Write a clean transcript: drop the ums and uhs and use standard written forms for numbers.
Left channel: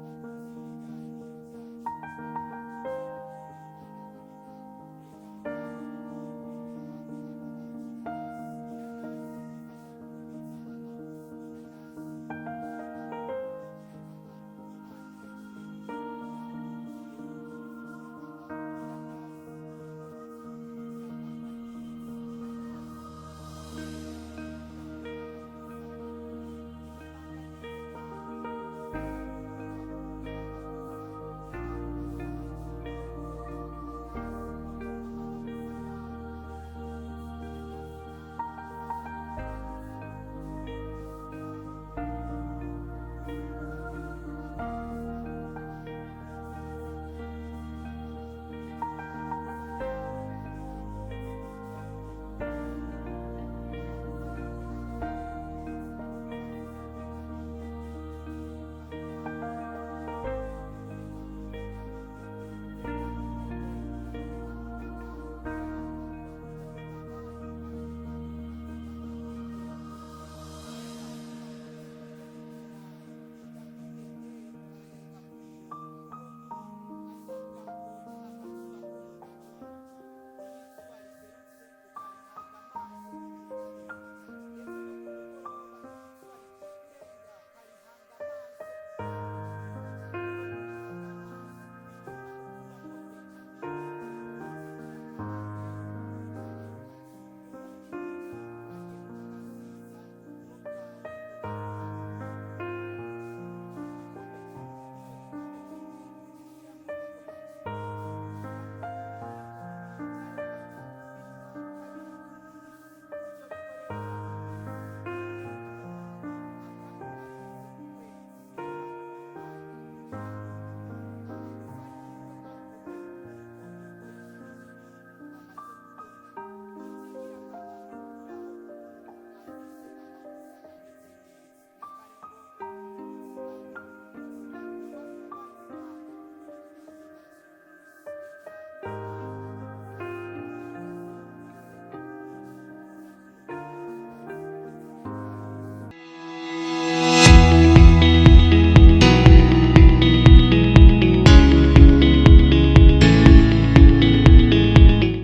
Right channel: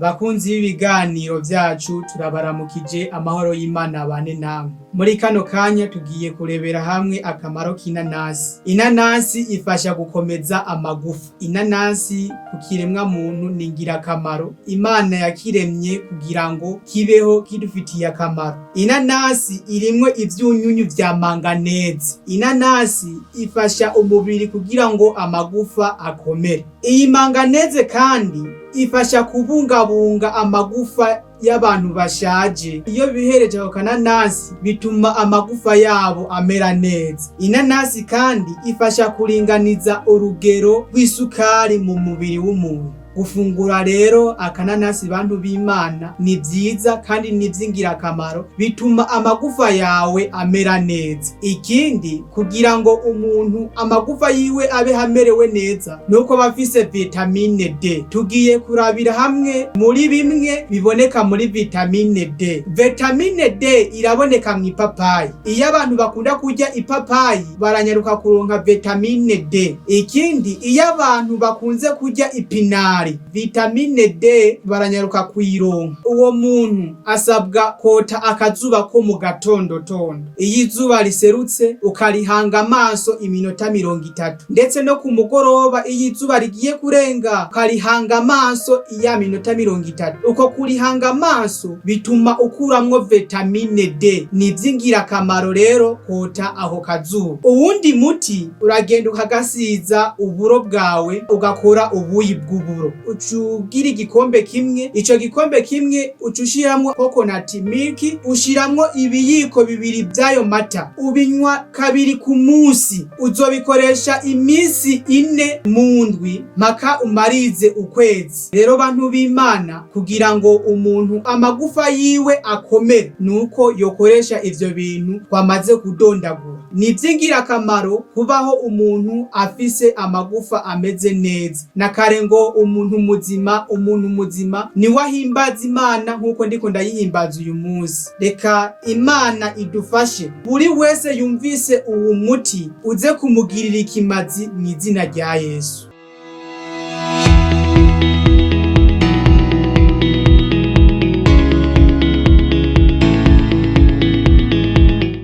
Bakunzi b'ibiganiro vyacu turabaramukije, amahoro y'Imana abane namwe. Muri kano kanya tugiye kurebera hamwe akamaro k'inanasi. Inanasi ifasha gukomeza amagufa. Inanasi ku kiremwa muntu ni ngirakamaro. Imana yakiremye kugira ngo kibeho kidufitiye akamaro. Inanasi irimwo ivyunyunyu vya manganeze. Inanasi ifasha umubiri kugira ngo amagufa akomere. Iyi manganeze kandi ifasha kubungabunga amagufa y'abantu bashaje. Iyo bihereje ako kananasi bituma amagufa yabo amera neza. Inanasi kandi ifasha kuringaniza urugero rw'isukari mu mubiri w'umuntu. Gufungura rero akananasi bantu b'Imana ni vyiza kandi ni vy'ingirakamaro, bituma amagufa yawe amera neza. Ikindi, kugira ngo umuntu amagufa yiwe abe hamerewe neza, nuko bafise vitamine D. Tugiye kurabira hamwe muri bimwe biboneka muri vitamine D. Vitamine D iraboneka mw'ipapayi. Iyo abantu bakunda kurya ipapayi baranyaruka kuronka vitamine D. Ikindi, iyo abantu bakunze kurya ipinari, vitamine D baranyaruka kuyironka. Uwo muntu asabwa kota akazuba ko mu gatondotondo. Iyo izuba riserutse ukarihanga amaso iminota 30, ndetse no ku mugoroba iyo izuba rigiye kurenga ukarihanga amaso iya minota 30. Uko kurihanga amaso bituma ukuramwo vitamine D. Ni vy'ingirakamaro rero kota aho kazuba. Uwundi muti uragenda ukagasiza uburo bwawe ugakora ubuyi bw'uburo. Ucugira igikombe kimwe, ico gikombe kimwe ucushiramwo coconut milk, ushiramwo ibiyiko 2 vyayo mata, ubinywa 2 ku munsi. Uzobikoresha imisi 4 mu ndwi mpaka umarize ukwezi. Rero bantu b'Imana, kugira ngo umuntu amagufa yiwe akomere, nuko yokoresha ivyo bintu twamaze kudondagura. Ni vy'ingirakamaro kubaho umuntu afise amagufa ameze neza. Nakare ngo umuntu muzima ni wahimbaza Imana nkuko ndiko ndayihimbaza uyu munsi. Reka Imana idufashe, buri wese yumvise uwu muti uze kumugirira ikimazi mw'izina rya Yesu.